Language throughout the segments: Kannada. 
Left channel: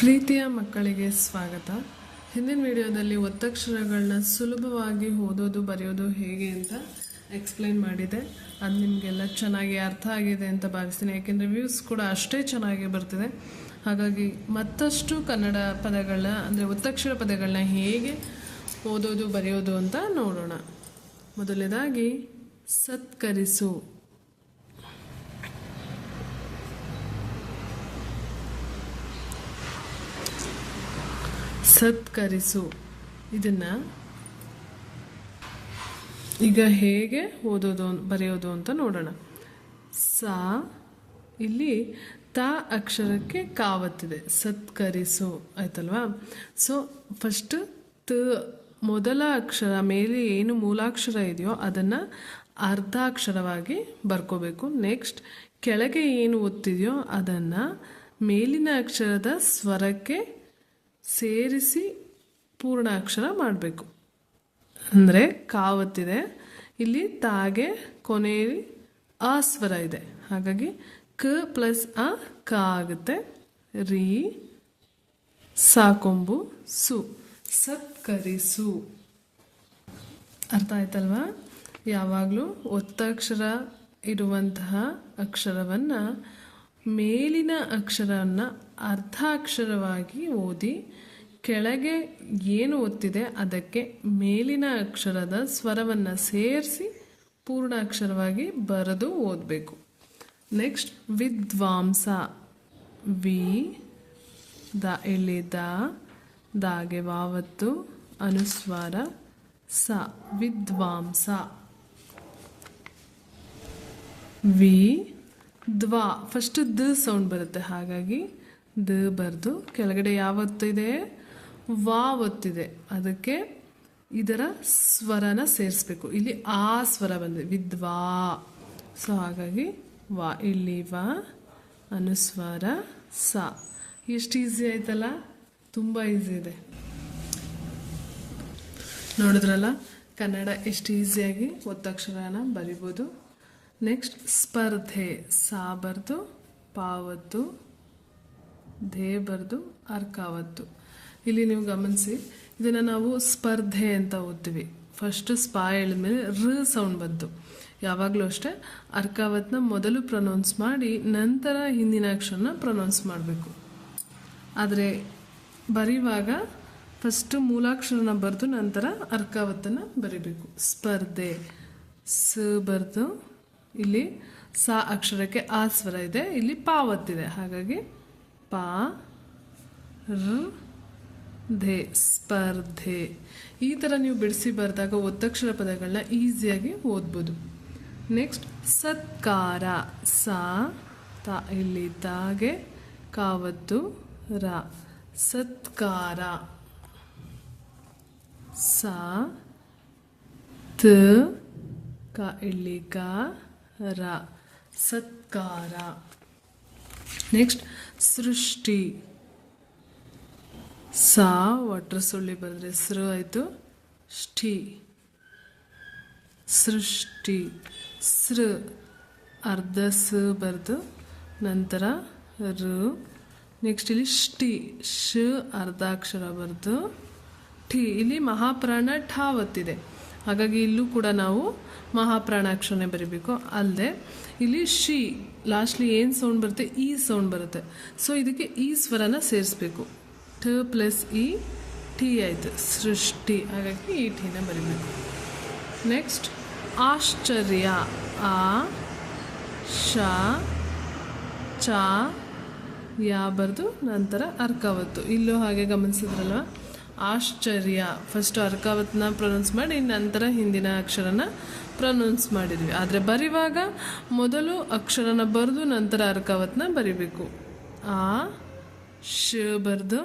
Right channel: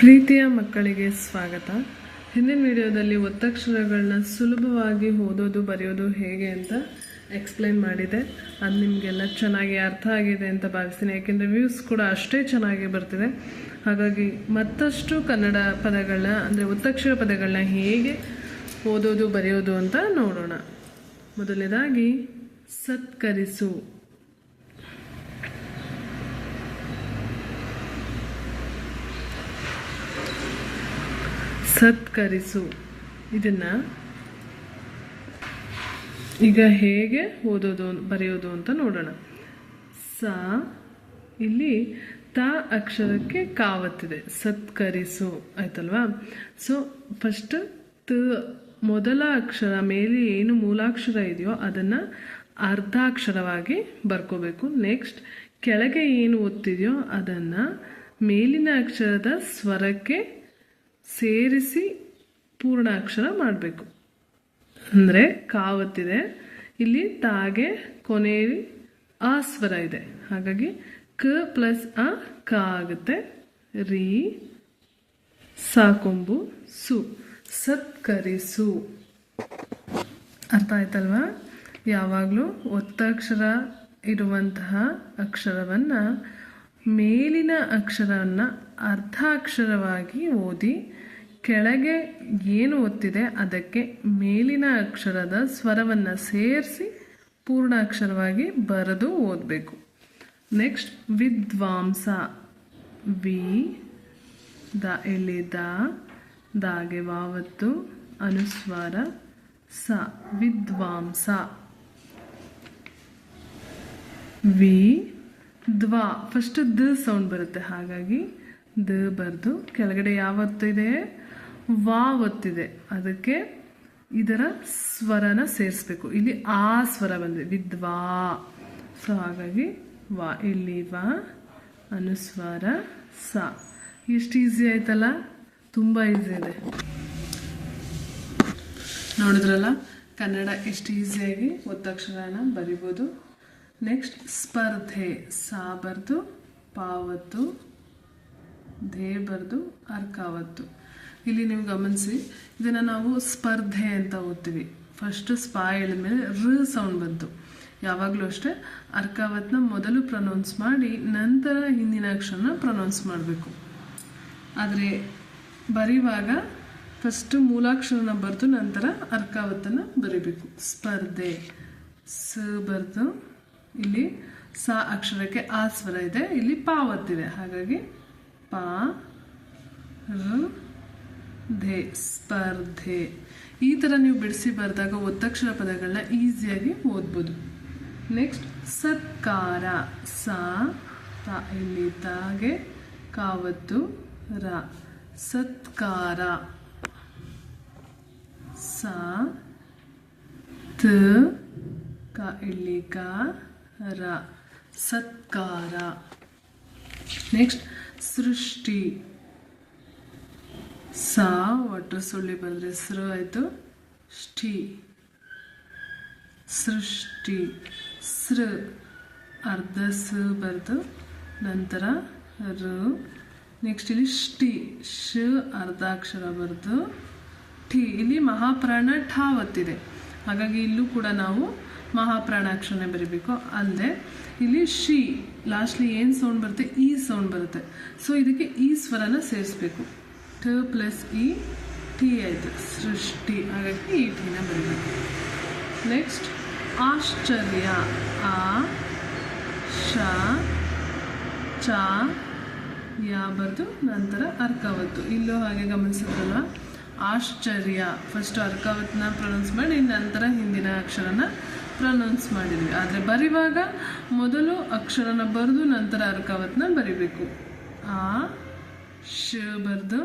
ಪ್ರೀತಿಯ ಮಕ್ಕಳಿಗೆ ಸ್ವಾಗತ. ಹಿಂದಿನ ವಿಡಿಯೋದಲ್ಲಿ ಒತ್ತಕ್ಷರಗಳನ್ನ ಸುಲಭವಾಗಿ ಓದೋದು ಬರೆಯೋದು ಹೇಗೆ ಅಂತ ಎಕ್ಸ್ಪ್ಲೈನ್ ಮಾಡಿದೆ. ಅದು ನಿಮಗೆಲ್ಲ ಚೆನ್ನಾಗಿ ಅರ್ಥ ಆಗಿದೆ ಅಂತ ಭಾವಿಸ್ತೀನಿ, ಯಾಕೆಂದರೆ ವ್ಯೂಸ್ ಕೂಡ ಅಷ್ಟೇ ಚೆನ್ನಾಗಿ ಬರ್ತಿದೆ. ಹಾಗಾಗಿ ಮತ್ತಷ್ಟು ಕನ್ನಡ ಪದಗಳನ್ನ ಅಂದರೆ ಒತ್ತಕ್ಷರ ಪದಗಳನ್ನ ಹೇಗೆ ಓದೋದು ಬರೆಯೋದು ಅಂತ ನೋಡೋಣ. ಮೊದಲನೇದಾಗಿ ಸತ್ಕರಿಸು. ಸತ್ಕರಿಸು ಇದನ್ನು ಈಗ ಹೇಗೆ ಓದೋದು ಬರೆಯೋದು ಅಂತ ನೋಡೋಣ. ಸ ಇಲ್ಲಿ ತ ಅಕ್ಷರಕ್ಕೆ ಕಾವತ್ತಿದೆ, ಸತ್ಕರಿಸು ಆಯ್ತಲ್ವಾ. ಸೊ ಫಸ್ಟ್ ತ ಮೊದಲ ಅಕ್ಷರ ಮೇಲೆ ಏನು ಮೂಲಾಕ್ಷರ ಇದೆಯೋ ಅದನ್ನು ಅರ್ಧಾಕ್ಷರವಾಗಿ ಬರ್ಕೋಬೇಕು. ನೆಕ್ಸ್ಟ್ ಕೆಳಗೆ ಏನು ಒತ್ತಿದೆಯೋ ಅದನ್ನು ಮೇಲಿನ ಅಕ್ಷರದ ಸ್ವರಕ್ಕೆ ಸೇರಿಸಿ ಪೂರ್ಣ ಅಕ್ಷರ ಮಾಡಬೇಕು. ಅಂದರೆ ಕಾವತ್ತಿದೆ, ಇಲ್ಲಿ ತಾಗೆ ಕೊನೆಯಲ್ಲಿ ಆ ಸ್ವರ ಇದೆ, ಹಾಗಾಗಿ ಕ ಪ್ಲಸ್ ಅ ಕ ಆಗುತ್ತೆ. ರೀ ಸಾಕೊಂಬು ಸು, ಸತ್ಕರಿಸು. ಅರ್ಥ ಆಯ್ತಲ್ವಾ? ಯಾವಾಗಲೂ ಒತ್ತಕ್ಷರ ಇರುವಂತಹ ಅಕ್ಷರವನ್ನು ಮೇಲಿನ ಅಕ್ಷರವನ್ನು ಅರ್ಧಾಕ್ಷರವಾಗಿ ಓದಿ ಕೆಳಗೆ ಏನು ಒತ್ತಿದೆ ಅದಕ್ಕೆ ಮೇಲಿನ ಅಕ್ಷರದ ಸ್ವರವನ್ನು ಸೇರಿಸಿ ಪೂರ್ಣ ಅಕ್ಷರವಾಗಿ ಬರೆದು ಓದಬೇಕು. ನೆಕ್ಸ್ಟ್ ವಿದ್ವಾಂಸ. ವಿ ದ ಇಲ್ಲಿ ದಾಗೆ ವಾವತ್ತು ಅನುಸ್ವಾರ ಸ, ವಿದ್ವಾಂಸ. ವಿ ದ್ವಾ ಫಸ್ಟ್ ದ ಸೌಂಡ್ ಬರುತ್ತೆ, ಹಾಗಾಗಿ ದ ಬರೆದು ಕೆಳಗಡೆ ಯಾವತ್ತಿದೆ ವಾ ಒತ್ತಿದೆ ಅದಕ್ಕೆ ಇದರ ಸ್ವರನ ಸೇರಿಸ್ಬೇಕು. ಇಲ್ಲಿ ಆ ಸ್ವರ ಬಂದಿದೆ ವಿದ್ವಾ, ಸೊ ಹಾಗಾಗಿ ವಾ, ಇಲ್ಲಿ ವಾ ಅನುಸ್ವಾರ ಸ. ಎಷ್ಟು ಈಸಿ ಆಯ್ತಲ್ಲ, ತುಂಬ ಈಸಿ ಇದೆ. ನೋಡಿದ್ರಲ್ಲ ಕನ್ನಡ ಎಷ್ಟು ಈಸಿಯಾಗಿ ಒತ್ತಕ್ಷರನ ಬರಿಬೋದು. ನೆಕ್ಸ್ಟ್ ಸ್ಪರ್ಧೆ. ಸಾ ಬರ್ದು ಪಾವತ್ತು, ಧೇ ಬರ್ದು ಅರ್ಕಾವತ್ತು. ಇಲ್ಲಿ ನೀವು ಗಮನಿಸಿ, ಇದನ್ನು ನಾವು ಸ್ಪರ್ಧೆ ಅಂತ ಓದ್ತೀವಿ. ಫಸ್ಟ್ ಸ್ಪಾ ಮೇಲೆ ರ ಸೌಂಡ್ ಬಂತು. ಯಾವಾಗಲೂ ಅಷ್ಟೇ ಅರ್ಕಾವತ್ನ ಮೊದಲು ಪ್ರೊನೌನ್ಸ್ ಮಾಡಿ ನಂತರ ಹಿಂದಿನ ಅಕ್ಷರನ ಪ್ರೊನೌನ್ಸ್ ಮಾಡಬೇಕು. ಆದರೆ ಬರೆಯುವಾಗ ಫಸ್ಟು ಮೂಲಾಕ್ಷರನ ಬರೆದು ನಂತರ ಅರ್ಕಾವತ್ತನ್ನು ಬರೀಬೇಕು. ಸ್ಪರ್ಧೆ. ಸ ಬರ್ದು ಇಲ್ಲಿ ಸ ಅಕ್ಷರಕ್ಕೆ ಆ ಸ್ವರ ಇದೆ, ಇಲ್ಲಿ ಪಾವತ್ತಿದೆ, ಹಾಗಾಗಿ ಪಾ ರ ಧೆ, ಸ್ಪರ್ಧೆ. ಈ ಥರ ನೀವು ಬಿಡಿಸಿ ಬರೆದಾಗ ಒತ್ತಕ್ಷರ ಪದಗಳನ್ನ ಈಸಿಯಾಗಿ ಓದ್ಬೋದು. ನೆಕ್ಸ್ಟ್ ಸತ್ಕಾರ. ಸ ತ ಇಲ್ಲಿ ತಾಗೆ ಕಾವತ್ತು ರ, ಸತ್ಕಾರ. ಸ ತ ಕ ಇಲ್ಲಿ ಕ ರ, ಸತ್ಕಾರ. ನೆಕ್ಸ್ಟ್ ಸೃಷ್ಟಿ. ಸ ಒಟ್ರ ಸೊಳ್ಳಿ ಬಂದರೆ ಸೃ ಆಯಿತು, ಷ್ಠಿ, ಸೃಷ್ಟಿ. ಸೃ ಅರ್ಧ ಸ ಬರೆದು ನಂತರ ರ. ನೆಕ್ಸ್ಟ್ ಇಲ್ಲಿ ಷ್ಠಿ, ಶ ಅರ್ಧಾಕ್ಷರ ಬರೆದು ಠಿ, ಇಲ್ಲಿ ಮಹಾಪ್ರಾಣ ಠ ಒತ್ತಿದೆ, ಹಾಗಾಗಿ ಇಲ್ಲೂ ಕೂಡ ನಾವು ಮಹಾಪ್ರಾಣಾಕ್ಷರನೇ ಬರೀಬೇಕು. ಅಲ್ಲದೆ ಇಲ್ಲಿ ಶಿ ಲಾಸ್ಟ್ಲಿ ಏನು ಸೌಂಡ್ ಬರುತ್ತೆ, ಈ ಸೌಂಡ್ ಬರುತ್ತೆ, ಸೊ ಇದಕ್ಕೆ ಈ ಸ್ವರನ ಸೇರಿಸ್ಬೇಕು. ಠ ಪ್ಲಸ್ ಇ ಟಿ ಆಯಿತು, ಸೃಷ್ಟಿ, ಹಾಗಾಗಿ ಈ ಟಿನ ಬರೀಬೇಕು. ನೆಕ್ಸ್ಟ್ ಆಶ್ಚರ್ಯ. ಆ ಶ ಚ ಯಾ ಬರೆದು ನಂತರ ಅರ್ಕಾವತ್ತು. ಇಲ್ಲೂ ಹಾಗೆ ಗಮನಿಸಿದ್ರಲ್ವ, ಆಶ್ಚರ್ಯ ಫಸ್ಟ್ ಅರ್ಕಾವತ್ತನ್ನ ಪ್ರೊನೌನ್ಸ್ ಮಾಡಿ ನಂತರ ಹಿಂದಿನ ಅಕ್ಷರನ ಪ್ರೊನೌನ್ಸ್ ಮಾಡಿದ್ವಿ. ಆದರೆ ಬರೆಯುವಾಗ ಮೊದಲು ಅಕ್ಷರನ ಬರೆದು ನಂತರ ಅರ್ಕಾವತ್ತನ್ನ ಬರಿಬೇಕು. ಆ ಶ ಬರೆದು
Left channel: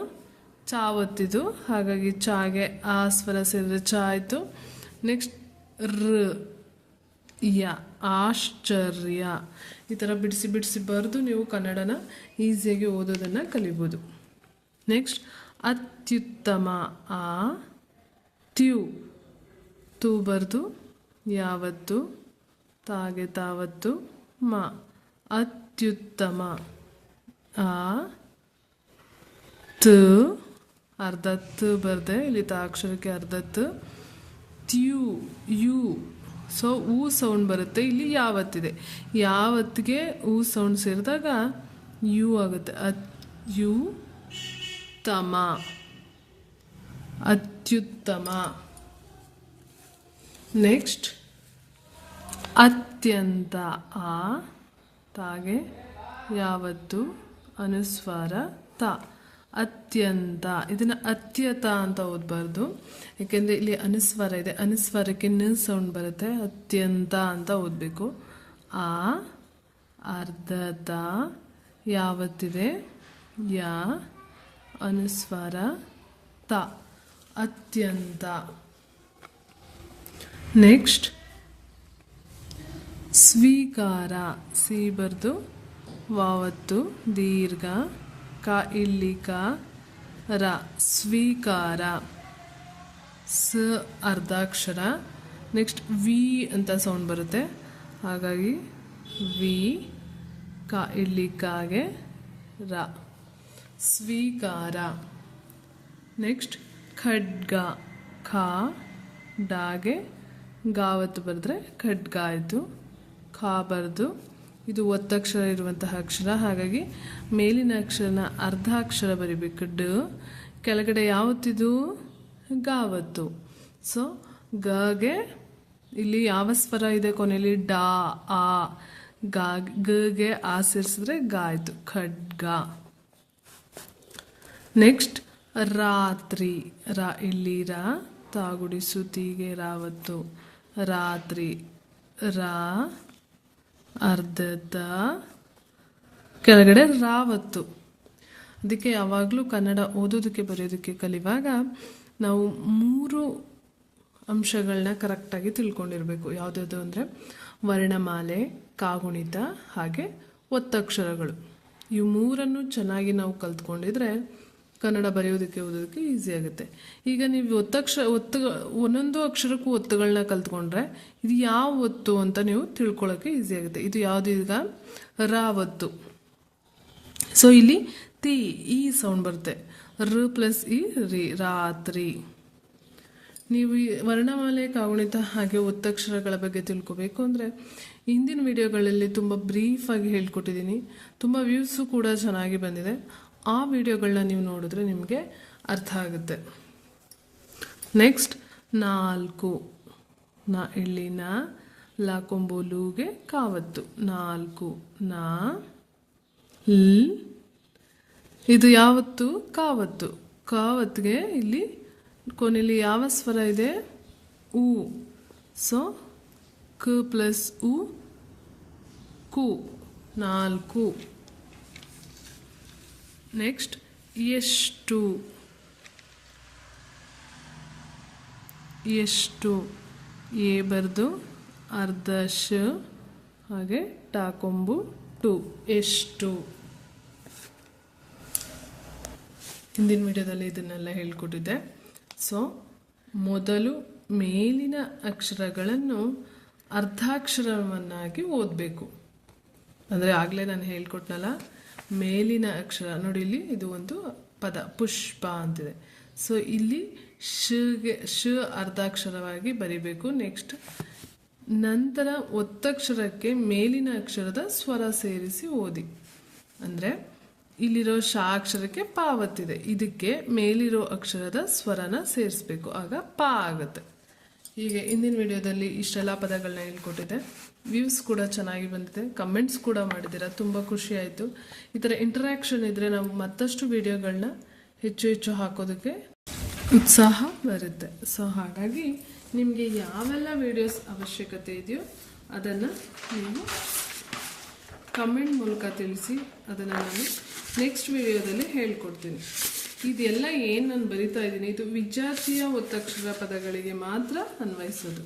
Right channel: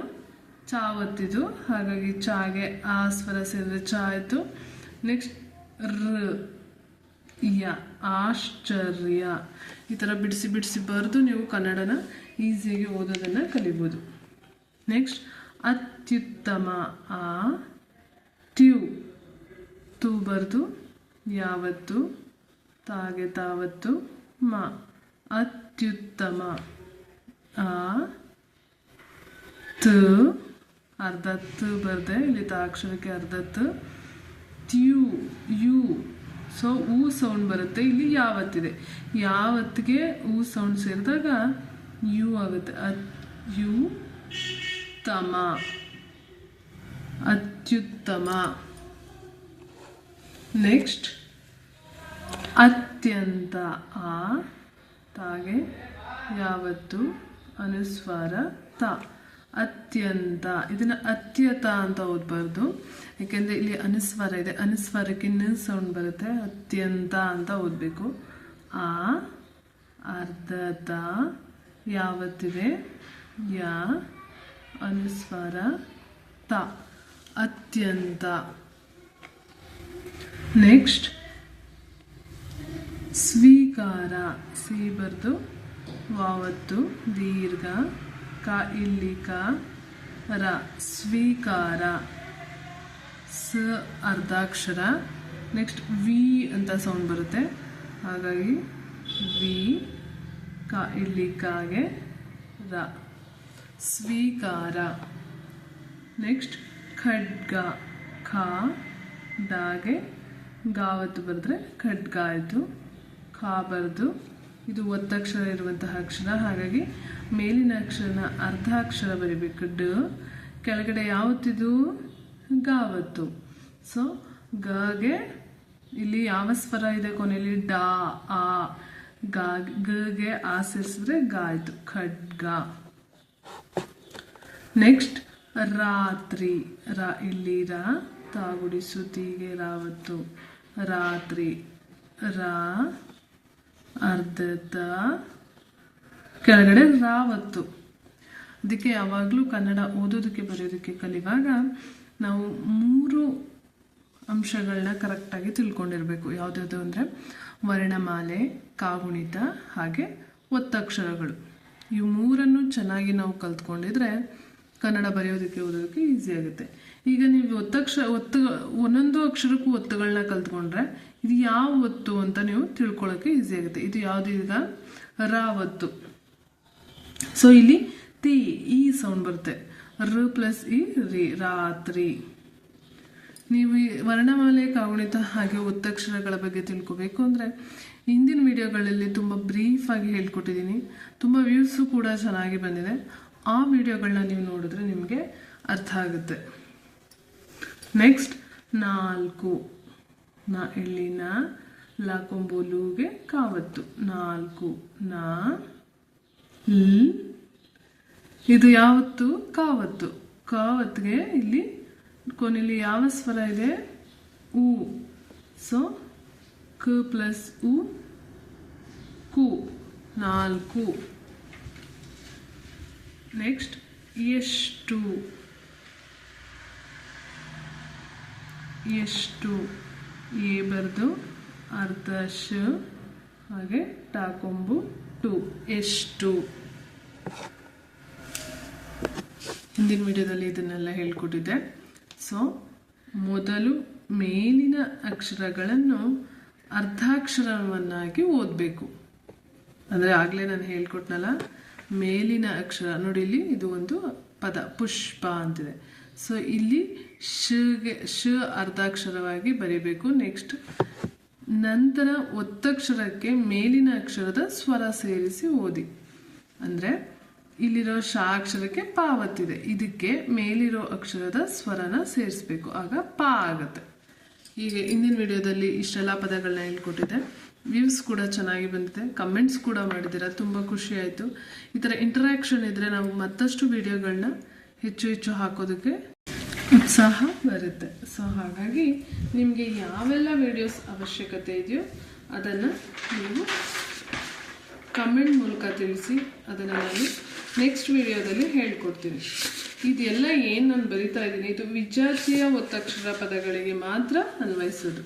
ಚಾ ಒತ್ತಿದ್ದು, ಹಾಗಾಗಿ ಚಾಗೆ ಆ ಸ್ವರ ಸೇರಿದ್ರೆ ಚಾ ಆಯಿತು. ನೆಕ್ಸ್ಟ್ ರ ಯ, ಆಶ್ಚರ್ಯ. ಈ ಥರ ಬಿಡಿಸಿ ಬಿಡಿಸಿ ಬರೆದು ನೀವು ಕನ್ನಡನ ಈಸಿಯಾಗಿ ಓದೋದನ್ನು ಕಲಿಬೋದು. ನೆಕ್ಸ್ಟ್ ಅತ್ಯುತ್ತಮ. ಆ ತ್ಯು ತು ಬರೆದು ಯಾವತ್ತು ತಾಗೆ ತಾವತ್ತು ಮ, ಅತ್ಯುತ್ತಮ. ಆ ತ ತ ಅರ್ಧ ತ ಬರ್ದೆ, ಇಲ್ಲಿ ತ ಅಕ್ಷರಕ್ಕೆ ಅರ್ಧ ತ. ತ್ಯು ಯು, ಸೊ ಊ ಸೌಂಡ್ ಬರುತ್ತೆ. ಇಲ್ಲಿ ಯಾವತ್ತಿದೆ, ಯಾವತ್ತಿಗೆ ಊ ಸೌಂಡ್ ಸೇರಿದಾಗ ಯು ಆಗುತ್ತೆ. ಯು ತಮ, ಅತ್ಯುತ್ತಮ. ನೆಕ್ಸ್ಟ್ ಅತ್ಯಂತ, ಆ ತಾಗೆ ಯಾವತ್ತು ಅನುಸ್ವಾರ ತ, ಅತ್ಯಂತ. ಇದನ್ನು ಅತ್ಯತ ಅಂತ ಓದಬಾರ್ದು, ಯಾಕೆಂದರೆ ಇಲ್ಲಿ ಅನುಸ್ವಾರ ಇದೆ, ಅನುಸ್ವಾರಕ್ಕೆ ನ ಸೌಂಡ್ ಬರುತ್ತೆ. ಅತ್ಯಂತ ಅಂತ ಓದಬೇಕು. ಆ ಅರ್ಧತ, ಯಾವತ್ತಿದೆ ಯಾ ಅನುಸ್ವಾರ ತ, ಅತ್ಯಂತ. ನೆಕ್ಸ್ಟ್ ಸ್ವೀಕಾರ, ಸಿ ಬರ್ದು ವಾವತ್ತು ದೀರ್ಘ, ಕ ಇಲ್ಲಿ ಕ ರ, ಸ್ವೀಕಾರ. ಸ ಅರ್ಧಾಕ್ಷರ. ನೆಕ್ಸ್ಟ್ ವಿ ಅಂತ ಸೌಂಡ್ ಬರುತ್ತೆ, ಹಾಗಾಗಿ ವಿ, ಕ ಇಲ್ಲಿ ಕಾಗೆ ರ, ಸ್ವೀಕಾರ. ನೆಕ್ಸ್ಟ್ ಖಡ್ಗ, ಖ ಡಾಗೆ ಗಾವತ್ತು ಬರೆದ್ರೆ ಖಡ್ಗ ಆಯಿತು. ಖ ಬರ್ದು, ಇದು ಒತ್ತಕ್ಷರ ಇರುವಂತಹ ಅಕ್ಷರ, ಹಾಗಾಗಿ ಮೇಲಿನ ಅಕ್ಷರನ ಅರ್ಧ ಅಕ್ಷರ ಬರಿಬೇಕು. ಡ, ಕೆಳಗಡೆ ಯಾವತ್ತಿದು ಗಾವತ್ತು. ಸೊ ಗೆ ಇಲ್ಲಿ ಯಾವ ಸ್ವರ ಇದೆ ಕೊನೆಯಲ್ಲಿ, ಡಾ ಆ. ಗೆ ಆ ಸೇರಿಸಿದ್ರೆ ಗ ಆಯಿತು, ಖಡ್ಗ. ನೆಕ್ಸ್ಟ್ ರಾತ್ರಿ, ರ ಇಲ್ಲಿ ರ, ತಾಗುಡಿಸು ತೀಗೆ ರಾವತ್ತು, ರಾತ್ರಿ. ರಾ ಅರ್ಧತ, ಕೆಳಗಡೆ ರಾವತ್ತು. ಅದಕ್ಕೆ ಯಾವಾಗಲೂ ಕನ್ನಡ ಓದೋದಕ್ಕೆ ಬರೆಯೋದಕ್ಕೆ ಕಲಿಯುವಾಗ ನಾವು 3 ಅಂಶಗಳನ್ನ ಕರೆಕ್ಟಾಗಿ ತಿಳ್ಕೊಂಡಿರಬೇಕು. ಯಾವುದ್ಯಾವುದು ಅಂದರೆ ವರ್ಣಮಾಲೆ, ಕಾಗುಣಿತ, ಹಾಗೆ ಒತ್ತಕ್ಷರಗಳು. ಈ 3 ಚೆನ್ನಾಗಿ ನಾವು ಕಲ್ತ್ಕೊಂಡಿದ್ರೆ ಕನ್ನಡ ಬರೆಯೋದಕ್ಕೆ ಓದೋದಕ್ಕೆ ಈಸಿ ಆಗುತ್ತೆ. ಈಗ ನೀವು ಒಂದೊಂದು ಅಕ್ಷರಕ್ಕೂ ಒತ್ತುಗಳನ್ನ ಕಲ್ತ್ಕೊಂಡ್ರೆ ಇದು ಯಾವ ಒತ್ತು ಅಂತ ನೀವು ತಿಳ್ಕೊಳ್ಳೋಕ್ಕೆ ಈಸಿ ಆಗುತ್ತೆ. ಇದು ಯಾವುದು, ಈಗ ರಾವತ್ತು. ಸೊ ಇಲ್ಲಿ ತಿ, ಈ ಸೌಂಡ್ ಬರುತ್ತೆ. ರ ಪ್ಲಸ್ ಇ, ರಿ, ರಾತ್ರಿ. ನೀವು ಈ ವರ್ಣಮಾಲೆ, ಕಾಗುಣಿತ ಹಾಗೆ ಒತ್ತಕ್ಷರಗಳ ಬಗ್ಗೆ ತಿಳ್ಕೊಬೇಕು ಅಂದರೆ ಹಿಂದಿನ ವಿಡಿಯೋಗಳಲ್ಲಿ ತುಂಬ ಬ್ರೀಫಾಗಿ ಹೇಳ್ಕೊಟ್ಟಿದ್ದೀನಿ. ತುಂಬ ವ್ಯೂಸು ಕೂಡ ಚೆನ್ನಾಗಿ ಬಂದಿದೆ. ಆ ವಿಡಿಯೋಗಳನ್ನ ನೀವು ನೋಡಿದ್ರೆ ನಿಮಗೆ ಅರ್ಥ ಆಗುತ್ತೆ. ನೆಕ್ಸ್ಟ್ 4, ನ ಇಲ್ಲಿ ನ, ಲ ಕೊಂಬು ಲೂಗೆ ಕಾವತ್ತು, 4. ನಾ ಲ್, ಇದು ಯಾವತ್ತು ಕಾವತ್ತು. ಕಾವತ್ತಿಗೆ ಇಲ್ಲಿ ಕೊನೆಯಲ್ಲಿ ಯಾವ ಸ್ವರ ಇದೆ, ಉ. ಸೊ ಕ ಪ್ಲಸ್ ಉ, ಕು, 4. ನೆಕ್ಸ್ಟ್ ಎಷ್ಟು, ಎಷ್ಟು ಎ ಬರ್ದು ಅರ್ಧ ಶ, ಹಾಗೆ ಟಾಕೊಂಬು ಟು, ಎಷ್ಟು. ಹಿಂದಿನ ವಿಡಿಯೋದಲ್ಲಿ ಇದನ್ನೆಲ್ಲ ಹೇಳ್ಕೊಟ್ಟಿದ್ದೆ. ಸೊ ಮೊದಲು ಮೇಲಿನ ಅಕ್ಷರಗಳನ್ನು ಅರ್ಧಾಕ್ಷರವನ್ನಾಗಿ ಓದಬೇಕು. ಅಂದರೆ ಆಗಲೇ ನಾನು ಹೇಳ್ಕೊಟ್ನಲ್ಲ, ಮೇಲಿನ ಅಕ್ಷರ ನೋಡಿ, ಇಲ್ಲಿ ಇದು ಒಂದು ಪದ ಪುಷ್ಪ ಅಂತಿದೆ. ಸೊ ಇಲ್ಲಿ ಶ ಅರ್ಧಾಕ್ಷರವಾಗಿ ಬರಿಬೇಕು. ನೆಕ್ಸ್ಟ್ ನಂತರ ಒತ್ತಕ್ಷರಕ್ಕೆ ಮೇಲಿನ ಅಕ್ಷರದ ಸ್ವರ ಸೇರಿಸಿ ಓದಿ. ಅಂದರೆ ಇಲ್ಲಿರೋ ಶ ಅಕ್ಷರಕ್ಕೆ ಪಾವತ್ತಿದೆ, ಇದಕ್ಕೆ ಮೇಲಿರೋ ಅಕ್ಷರದ ಸ್ವರನ ಸೇರಿಸ್ಬೇಕು, ಆಗ ಪಾ ಆಗುತ್ತೆ. ಹೀಗೆ ಹಿಂದಿನ ವಿಡಿಯೋದಲ್ಲಿ ಇಷ್ಟೆಲ್ಲ ಪದಗಳನ್ನ ಹೇಳ್ಕೊಟ್ಟಿದ್ದೆ. ವ್ಯೂಸ್ ಕೂಡ ಚೆನ್ನಾಗಿ ಬಂದಿದೆ, ಕಮೆಂಟ್ಸ್ ಕೂಡ ಮಾಡಿದ್ದೀರಾ, ತುಂಬ ಖುಷಿ ಆಯಿತು. ಈ ಥರ ಇಂಟರಾಕ್ಷನ್ ಇದ್ದರೆ ನಾವು ಮತ್ತಷ್ಟು ವಿಡಿಯೋಗಳನ್ನ ಹೆಚ್ಚು ಹೆಚ್ಚು ಹಾಕೋದಕ್ಕೆ ಉತ್ಸಾಹ ಬರುತ್ತೆ. ಸೊ ಹಾಗಾಗಿ ನಿಮಗೆ ಯಾವೆಲ್ಲ ವಿಡಿಯೋಸ್ ಅವಶ್ಯಕತೆ ಇದೆಯೋ ಅದನ್ನು ನೀವು ಕಮೆಂಟ್ ಮೂಲಕ ತಿಳಿಸಿ, ಅದನ್ನು ನಾನು ನೆಕ್ಸ್ಟ್ ವಿಡಿಯೋದಲ್ಲಿ ಹೇಳ್ಕೊಡ್ತೀನಿ. ಇದೆಲ್ಲ ಏನು ನಾನು ಬರಿತಾ ಇದ್ದೀನಿ, ಇದು ವಿಜಾತಿಯ ಒತ್ತಕ್ಷರ ಪದಗಳಿಗೆ ಮಾತ್ರ ಅನ್ವಯಿಸೋದು.